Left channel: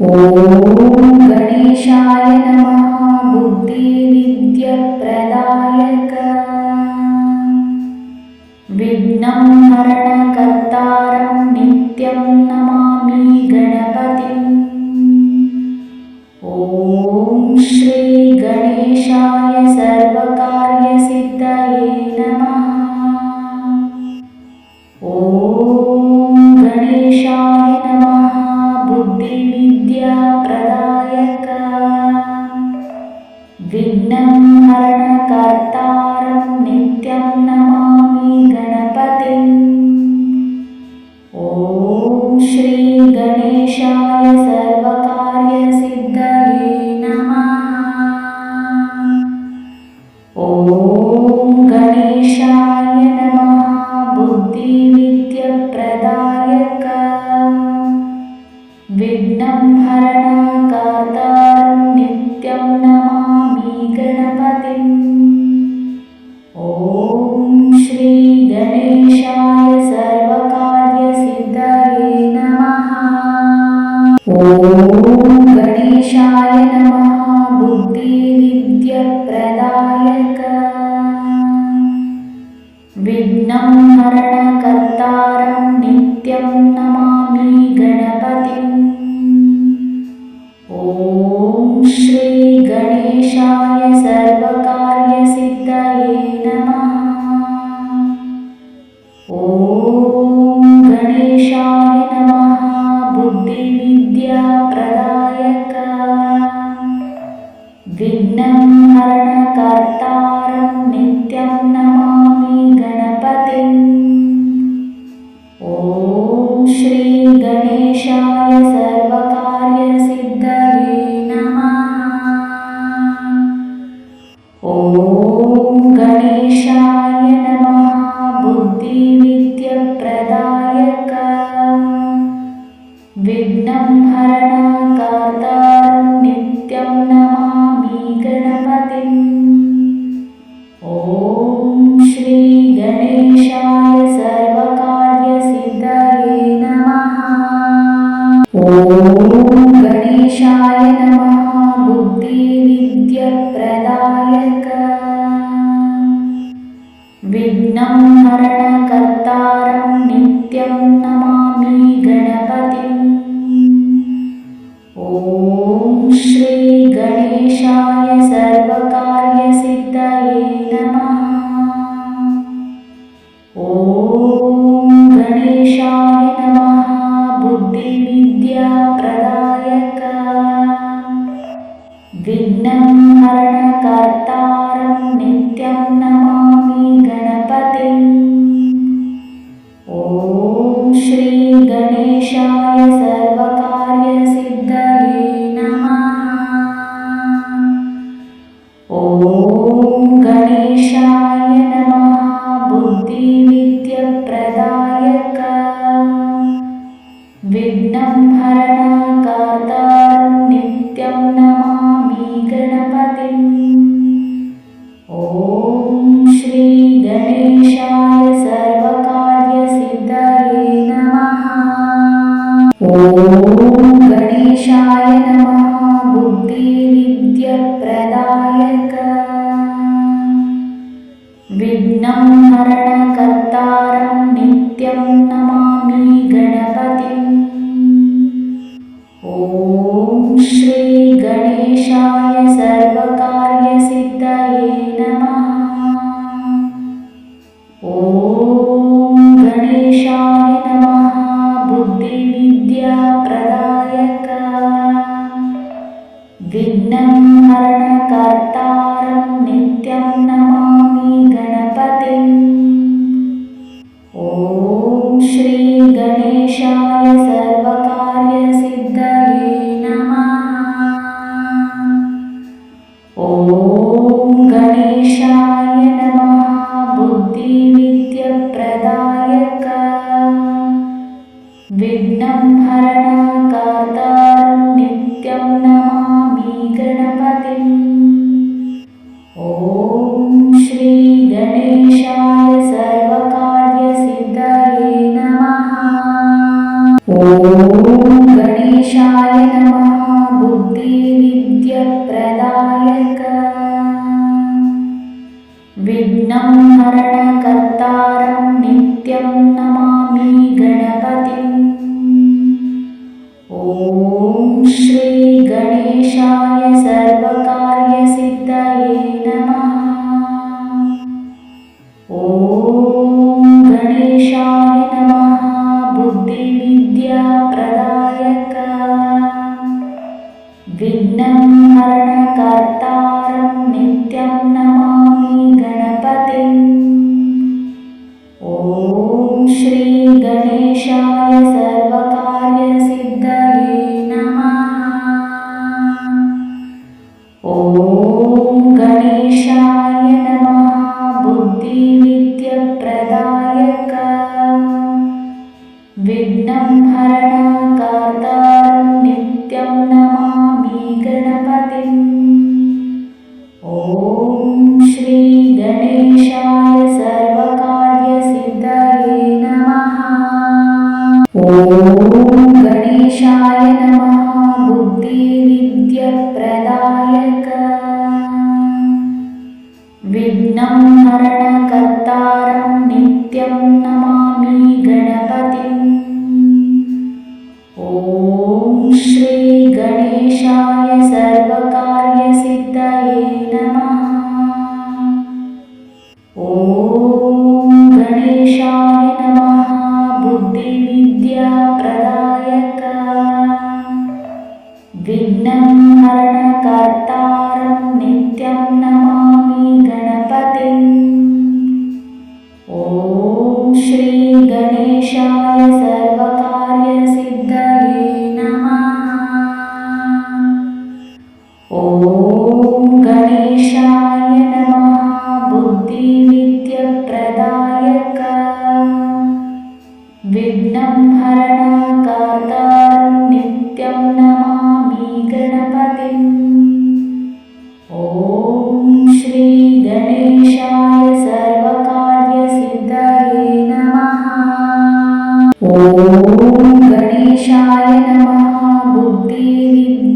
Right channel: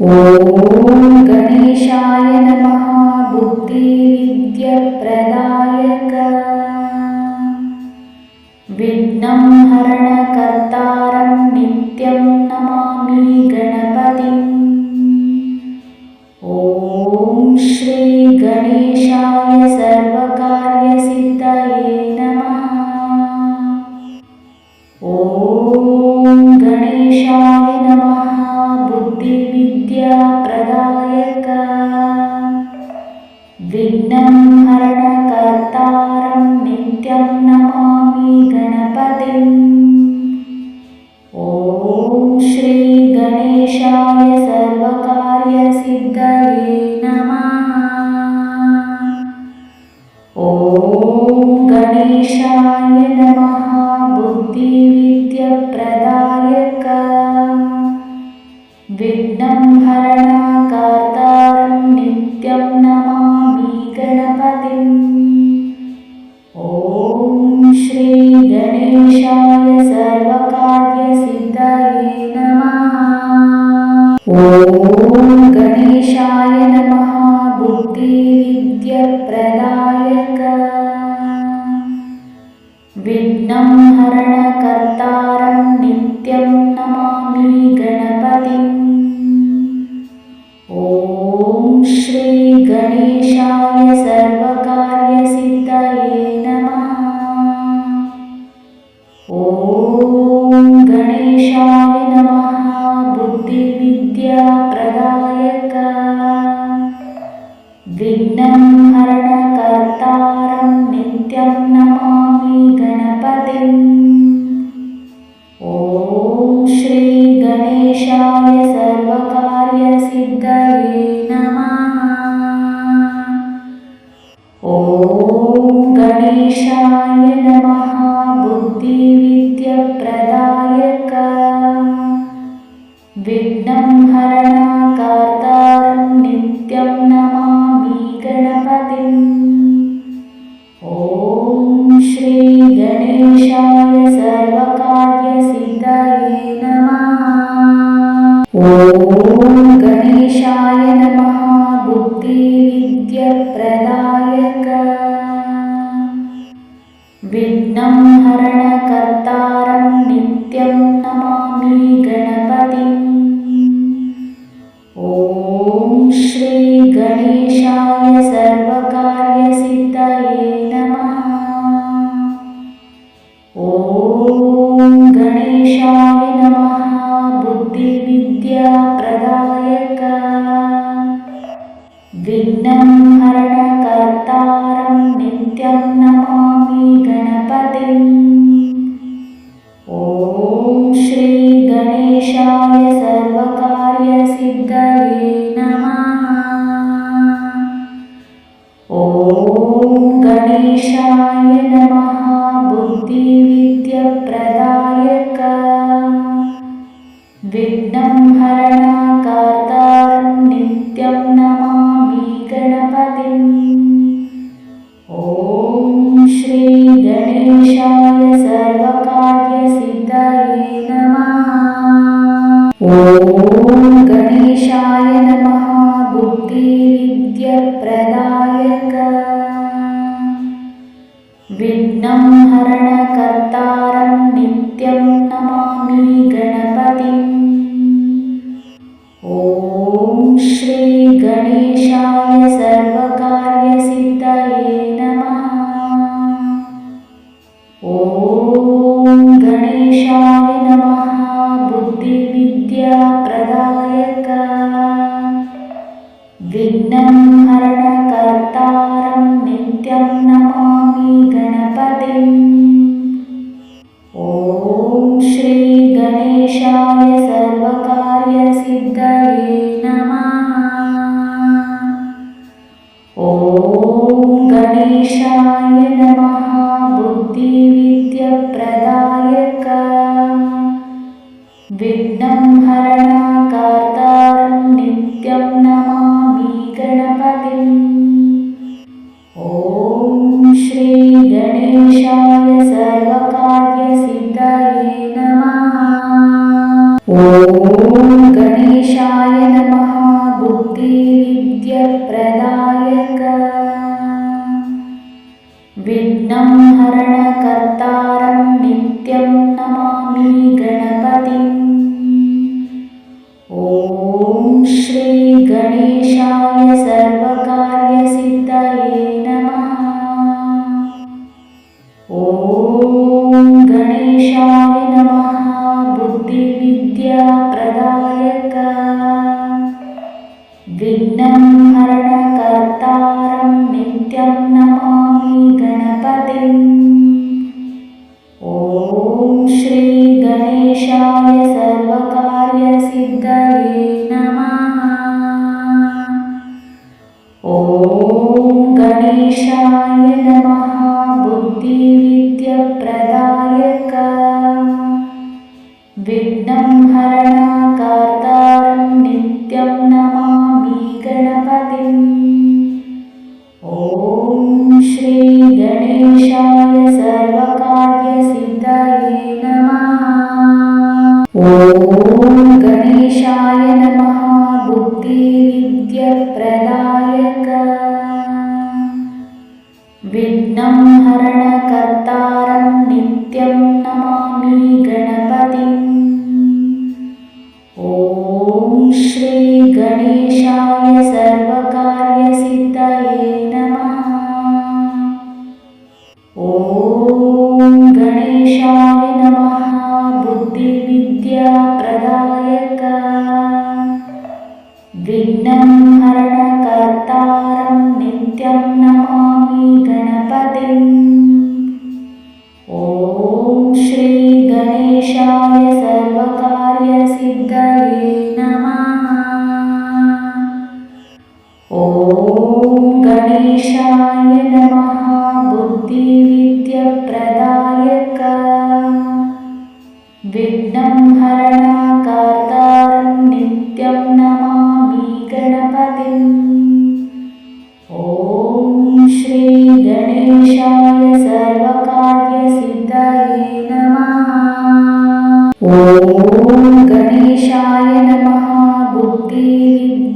ಓಂ ಗಣೇಶಾಯ ನಮಃ ಬುದ್ಧಿವಿದ್ಯಪ್ರದಾಯಕ ವಿಘ್ನಂ ಹರಣಕರ್ತಾರಂ ನಿತ್ಯಂ ನಮಾಮಿ ಗಣಪತಿಂ. ಓಂ ಶ್ರೀ ಗಣೇಶಾಯ ಸರ್ವಕಾರ್ಯಸಿದ್ಧಯೇ ನಮಃ. ಓಂ ಗಣೇಶಾಯ ನಮಃ ಬುದ್ಧಿವಿದ್ಯಾಪ್ರದಾಯಕ ವಿಘ್ನಂ ಹರಣಕರ್ತಾರಂ ನಿತ್ಯಂ ನಮಾಮಿ ಗಣಪತಿಂ. ಓಂ ಶ್ರೀ ಗಣೇಶಾಯ ಸರ್ವಕಾರ್ಯಸಿದ್ಧಯೇ ನಮಃ. ಓಂ ಗಣೇಶಾಯ ನಮಃ ಬುದ್ಧಿವಿದ್ಯಪ್ರದಾಯಕ ವಿಘ್ನಂ ಹರಣಕರ್ತಾರಂ ನಿತ್ಯಂ ನಮಾಮಿ ಗಣಪತಿಂ. ಓಂ ಶ್ರೀ ಗಣೇಶಾಯ ಸರ್ವಕಾರ್ಯಸಿದ್ಧಯೇ ನಮಃ. ಓಂ ಗಣೇಶಾಯ ನಮಃ ಬುದ್ಧಿವಿದ್ಯಪ್ರದಾಯಕ ವಿಘ್ನಂ ಹರಣಕರ್ತಾರಂ ನಿತ್ಯಂ ನಮಾಮಿ ಗಣಪತಿಂ. ಓಂ ಶ್ರೀ ಗಣೇಶಾಯ ಸರ್ವಕಾರ್ಯಸಿದ್ಧಯೇ ನಮಃ. ಓಂ ಗಣೇಶಾಯ ನಮಃ ಬುದ್ಧಿವಿದ್ಯಾಪ್ರದಾಯಕ ವಿಘ್ನಂ ಹರಣಕರ್ತಾರಂ ನಿತ್ಯಂ ನಮಾಮಿ ಗಣಪತಿಂ. ಓಂ ಶ್ರೀ ಗಣೇಶಾಯ ಸರ್ವಕಾರ್ಯಸಿದ್ಧಯೇ ನಮಃ. ಓಂ ಗಣೇಶಾಯ ನಮಃ ಬುದ್ಧಿವಿದ್ಯಪ್ರದಾಯಕ ವಿಘ್ನಂ ಹರಣಕರ್ತಾರಂ ನಿತ್ಯಂ ನಮಾಮಿ ಗಣಪತಿಂ. ಓಂ ಶ್ರೀ ಗಣೇಶಾಯ ಸರ್ವಕಾರ್ಯಸಿದ್ಧಯೇ ನಮಃ. ಓಂ ಗಣೇಶಾಯ ನಮಃ ಬುದ್ಧಿವಿದ್ಯಪ್ರದಾಯಕ ವಿಘ್ನಂ ಹರಣಕರ್ತಾರಂ ನಿತ್ಯಂ ನಮಾಮಿ ಗಣಪತಿಂ. ಓಂ ಶ್ರೀ ಗಣೇಶಾಯ ಸರ್ವಕಾರ್ಯಸಿದ್ಧಯೇ ನಮಃ. ಓಂ ಗಣೇಶಾಯ ನಮಃ ಬುದ್ಧಿವಿದ್ಯಾಪ್ರದಾಯಕ ವಿಘ್ನಂ ಹರಣಕರ್ತಾರಂ ನಿತ್ಯಂ ನಮಾಮಿ ಗಣಪತಿಂ. ಓಂ ಶ್ರೀ ಗಣೇಶಾಯ ಸರ್ವಕಾರ್ಯಸಿದ್ಧಯೇ ನಮಃ. ಓಂ ಗಣೇಶಾಯ ನಮಃ ಬುದ್ಧಿವಿದ್ಯಪ್ರದಾಯಕ ವಿಘ್ನಂ ಹರಣಕರ್ತಾರಂ ನಿತ್ಯಂ ನಮಾಮಿ ಗಣಪತಿಂ. ಓಂ ಶ್ರೀ ಗಣೇಶಾಯ ಸರ್ವಕಾರ್ಯಸಿದ್ಧಯೇ ನಮಃ. ಓಂ ಗಣೇಶಾಯ ನಮಃ ಬುದ್ಧಿವಿದ್ಯಪ್ರದಾಯಕ ವಿಘ್ನಂ ಹರಣಕರ್ತಾರಂ ನಿತ್ಯಂ ನಮಾಮಿ ಗಣಪತಿಂ. ಓಂ ಶ್ರೀ ಗಣೇಶಾಯ ಸರ್ವಕಾರ್ಯಸಿದ್ಧಯೇ ನಮಃ. ಓಂ ಗಣೇಶಾಯ ನಮಃ ಬುದ್ಧಿವಿದ್ಯಾಪ್ರದಾಯಕ ವಿಘ್ನಂ ಹರಣಕರ್ತಾರಂ ನಿತ್ಯಂ ನಮಾಮಿ ಗಣಪತಿಂ. ಓಂ ಶ್ರೀ ಗಣೇಶಾಯ ಸರ್ವಕಾರ್ಯಸಿದ್ಧಯೇ ನಮಃ. ಓಂ ಗಣೇಶಾಯ ನಮಃ ಬುದ್ಧಿವಿದ್ಯಪ್ರದಾಯಕ ವಿಘ್ನಂ ಹರಣಕರ್ತಾರಂ ನಿತ್ಯಂ ನಮಾಮಿ ಗಣಪತಿಂ. ಓಂ ಶ್ರೀ ಗಣೇಶಾಯ ಸರ್ವಕಾರ್ಯಸಿದ್ಧಯೇ ನಮಃ. ಓಂ गणेशाय नमः बुद्धिविद्याप्रदायक विघ्नं हरणकर्तारं नित्यं नमामि गणपतिम् ॐ श्री गणेशाय सर्वकार्यसिद्धये नमः। ॐ गणेशाय नमः बुद्धिविद्याप्रदायक विघ्नं हरणकर्तारं नित्यं नमामि गणपतिम् ॐ श्री गणेशाय सर्वकार्यसिद्धये नमः। ॐ गणेशाय नमः बुद्धिविद्याप्रदायक विघ्नं हरणकर्तारं नित्यं नमामि गणपतिम् ॐ श्री गणेशाय सर्वकार्यसिद्धये नमः। ॐ गणेशाय नमः बुद्धिविद्याप्रदायक विघ्नं हरणकर्तारं नित्यं नमामि गणपतिम् ॐ श्री गणेशाय सर्वकार्यसिद्धये नमः। ॐ गणेशाय नमः बुद्धिविद्याप्रदायक विघ्नं हरणकर्तारं नित्यं नमामि गणपतिम् ॐ श्री गणेशाय सर्वकार्यसिद्धये नमः। ॐ गणेशाय नमः बुद्धिविद्याप्रदायक विघ्नं हरणकर्तारं नित्यं नमामि गणपतिम् ॐ श्री गणेशाय सर्वकार्यसिद्धये नमः। ॐ गणेशाय नमः बुद्धिविद्याप्रदायक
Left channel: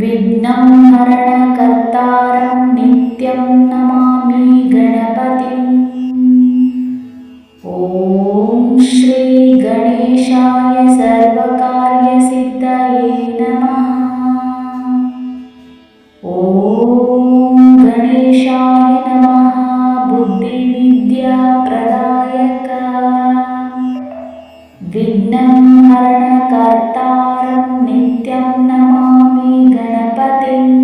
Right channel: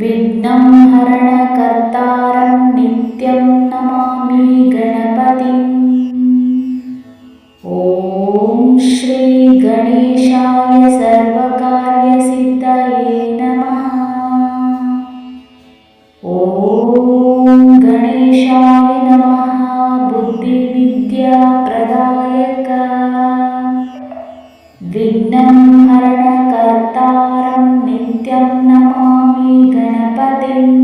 विघ्नं हरणकर्तारं नित्यं नमामि गणपतिम् ॐ श्री गणेशाय सर्वकार्यसिद्धये नमः। ॐ गणेशाय नमः बुद्धिविद्याप्रदायक विघ्नं हरणकर्तारं नित्यं नमामि गणपतिम्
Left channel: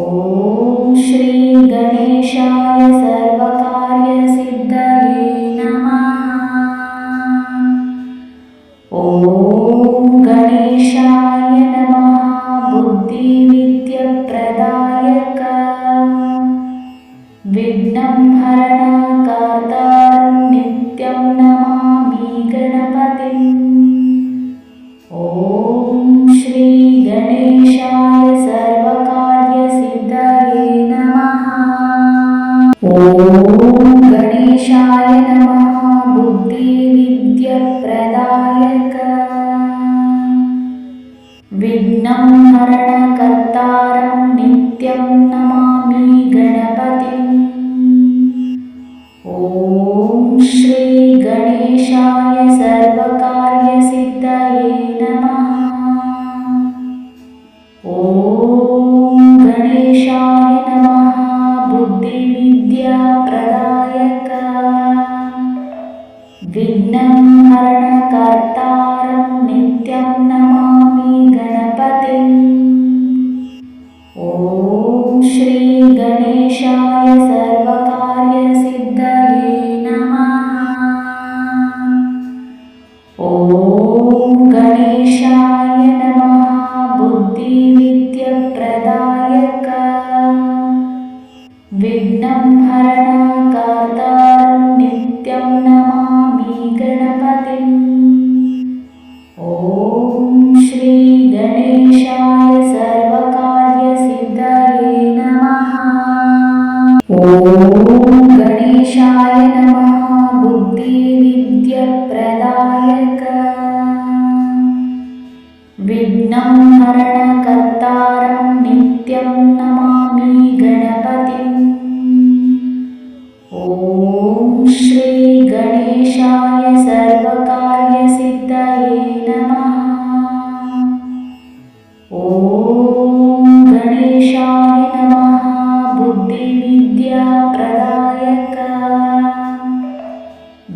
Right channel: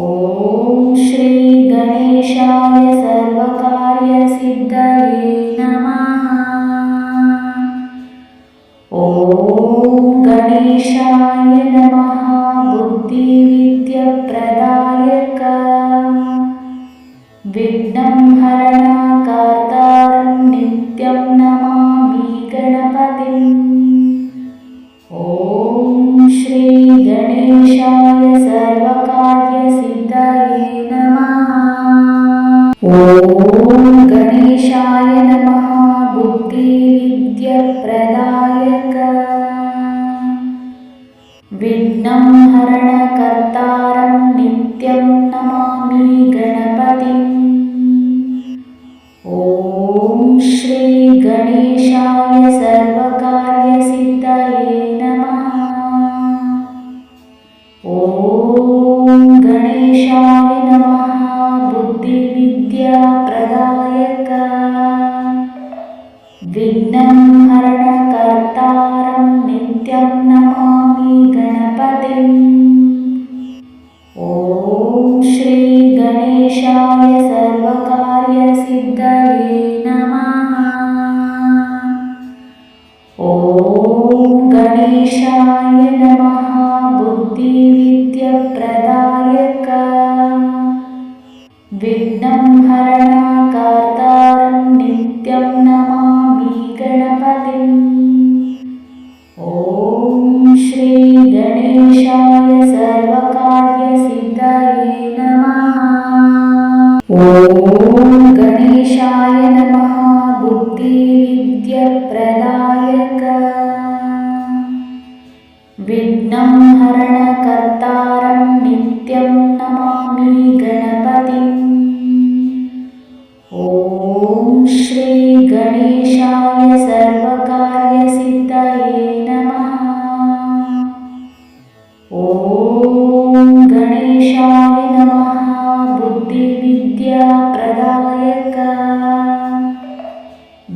ॐ श्री गणेशाय सर्वकार्यसिद्धये नमः। ॐ गणेशाय नमः बुद्धिविद्याप्रदायक विघ्नं हरणकर्तारं नित्यं नमामि गणपतिम् ॐ श्री गणेशाय सर्वकार्यसिद्धये नमः। ॐ गणेशाय नमः बुद्धिविद्याप्रदायक विघ्नं हरणकर्तारं नित्यं नमामि गणपतिम् ॐ श्री गणेशाय सर्वकार्यसिद्धये नमः। ॐ गणेशाय नमः बुद्धिविद्याप्रदायक विघ्नं हरणकर्तारं नित्यं नमामि गणपतिम् ॐ श्री गणेशाय सर्वकार्यसिद्धये नमः। ॐ गणेशाय नमः बुद्धिविद्याप्रदायक विघ्नं हरणकर्तारं नित्यं नमामि गणपतिम् ॐ श्री गणेशाय सर्वकार्यसिद्धये नमः। ॐ गणेशाय नमः बुद्धिविद्याप्रदायक प्रदायक विघ्नं हरणकर्तारं नित्यं नमामि गणपतिम् ॐ श्री गणेशाय सर्वकार्यसिद्धये नमः। ॐ गणेशाय नमः बुद्धिविद्याप्रदायक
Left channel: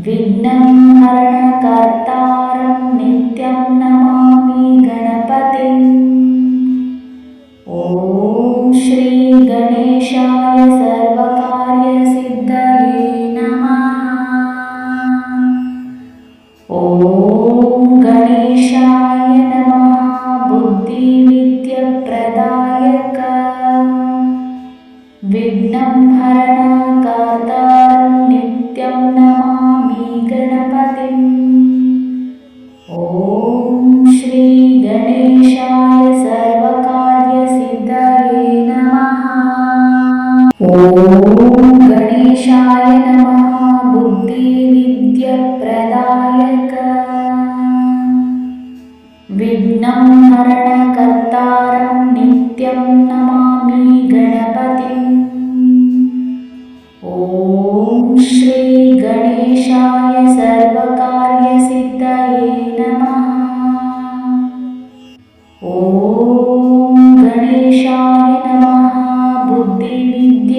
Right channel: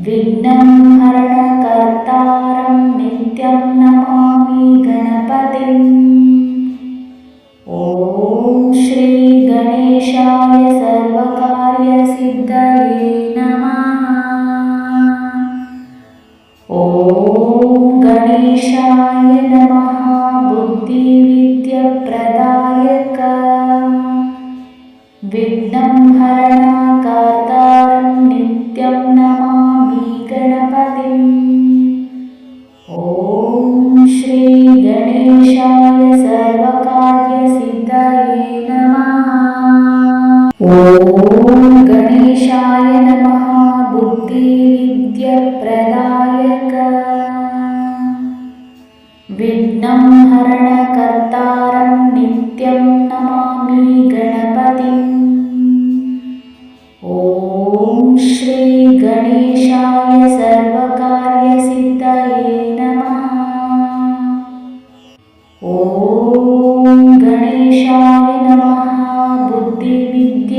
विघ्नं हरणकर्तारं नित्यं नमामि गणपतिम् ॐ श्री गणेशाय सर्वकार्यसिद्धये नमः। ॐ गणेशाय नमः बुद्धिविद्याप्रदायक विघ्नं हरणकर्तारं नित्यं नमामि गणपतिम् ॐ श्री गणेशाय सर्वकार्यसिद्धये नमः। ॐ गणेशाय नमः बुद्धिविद्याप्रदायक विघ्नं हरणकर्तारं नित्यं नमामि गणपतिम् ॐ श्री गणेशाय सर्वकार्यसिद्धये नमः। ॐ गणेशाय नमः बुद्धिविद्याप्रदायक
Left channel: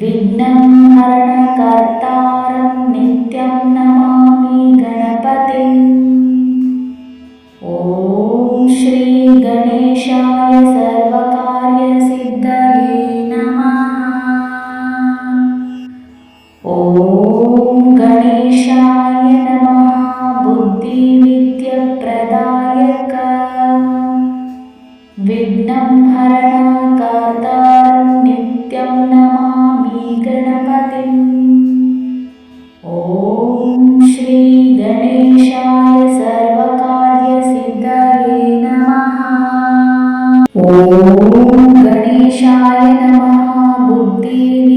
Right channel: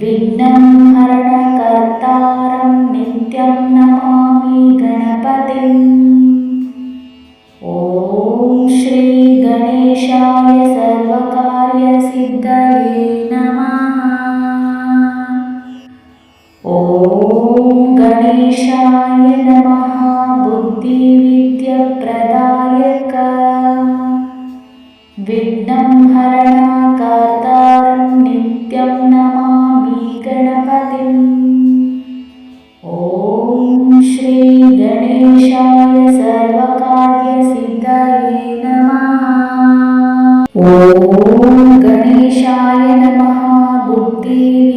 विघ्नं हरणकर्तारं नित्यं नमामि गणपतिम् ॐ श्री गणेशाय सर्वकार्यसिद्धये नमः। ॐ गणेशाय नमः बुद्धिविद्याप्रदायक विघ्नं हरणकर्तारं नित्यं नमामि गणपतिम् ॐ श्री गणेशाय सर्वकार्यसिद्धये नमः। ॐ गणेशाय नमः बुद्धिविद्याप्रदायक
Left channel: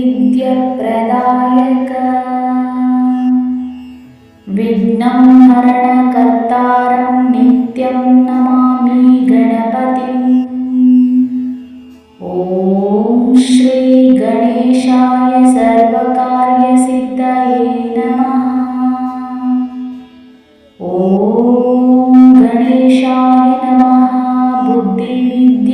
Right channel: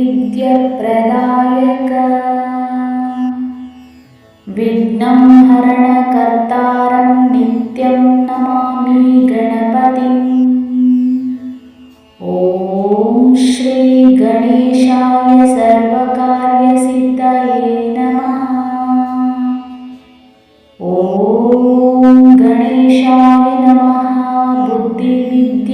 विघ्नं हरणकर्तारं नित्यं नमामि गणपतिम् ॐ श्री गणेशाय सर्वकार्यसिद्धये नमः। ॐ गणेशाय नमः बुद्धिविद्याप्रदायक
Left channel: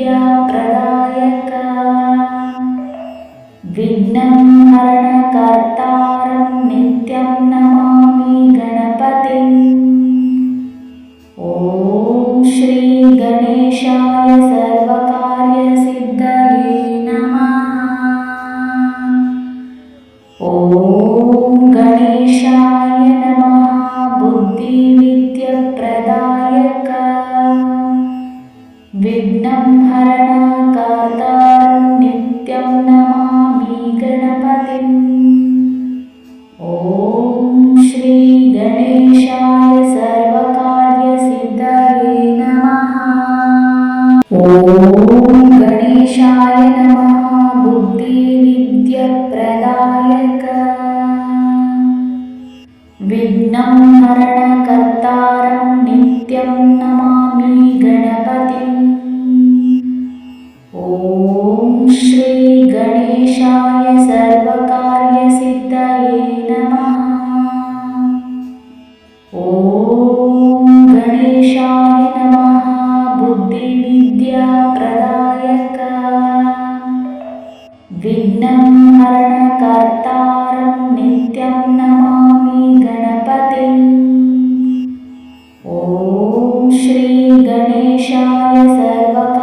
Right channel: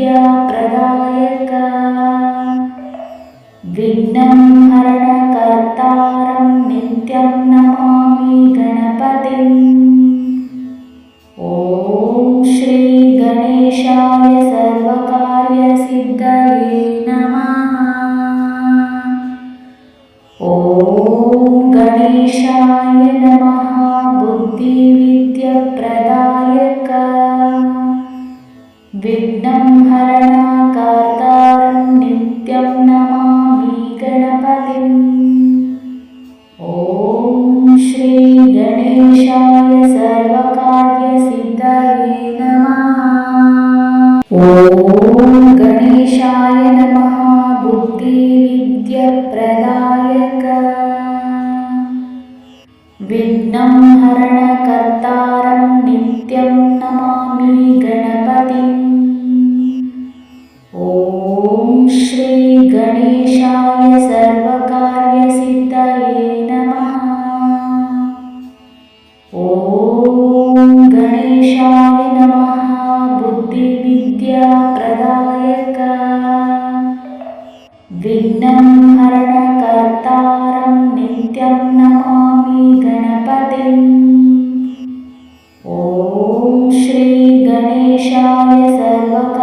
विघ्नं हरणकर्तारं नित्यं नमामि गणपतिम् ॐ श्री गणेशाय सर्वकार्यसिद्धये नमः। ॐ गणेशाय नमः बुद्धिविद्याप्रदायक विघ्नं हरणकर्तारं नित्यं नमामि गणपतिम् ॐ श्री गणेशाय सर्वकार्यसिद्धये नमः। ॐ गणेशाय नमः बुद्धिविद्याप्रदायक विघ्नं हरणकर्तारं नित्यं नमामि गणपतिम् ॐ श्री गणेशाय सर्वकार्यसिद्धये नमः। ॐ गणेशाय नमः बुद्धिविद्याप्रदायक विघ्नं हरणकर्तारं नित्यं नमामि गणपतिम् ॐ श्री गणेशाय सर्वकार्यसिद्धये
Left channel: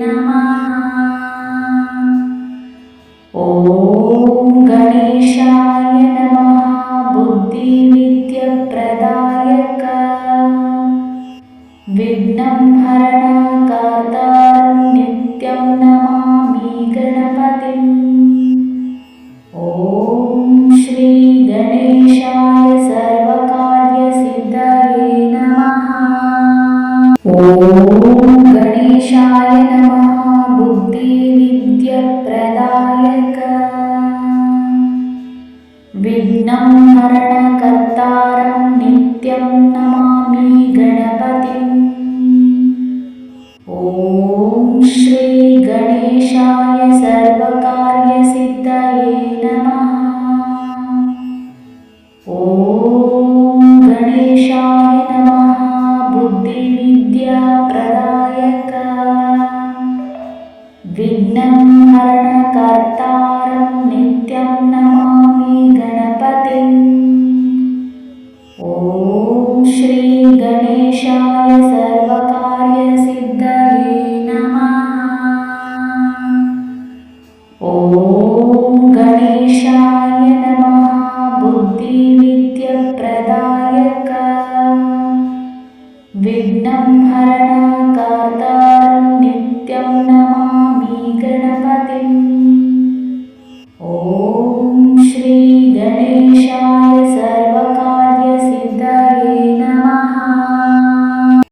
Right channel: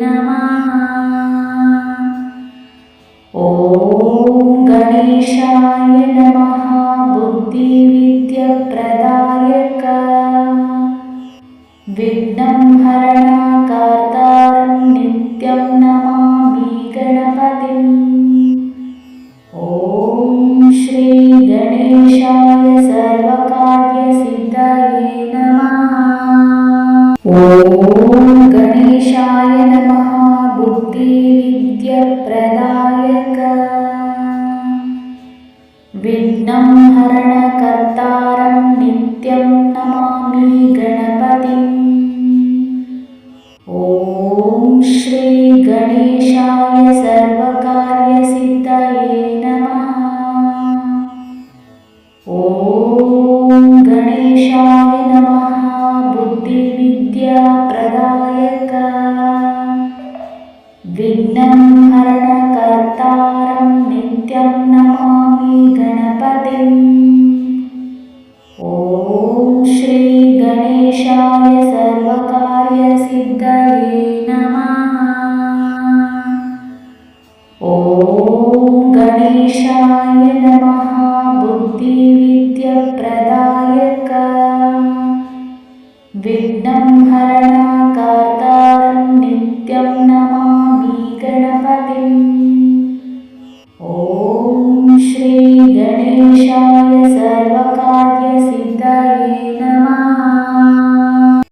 नमः। ॐ विघ्नं हरणकर्तारं नित्यं नमामि गणपतिम्। ॐ श्री गणेशाय सर्वकार्यसिद्धये नमः। ॐ गणेशाय नमः। बुद्धिविद्याप्रदायक विघ्नं हरणकर्तारं नित्यं नमामि गणपतिम्। ॐ श्री गणेशाय सर्वकार्यसिद्धये नमः। ॐ गणेशाय नमः। बुद्धिविद्याप्रदायक विघ्नं हरणकर्तारं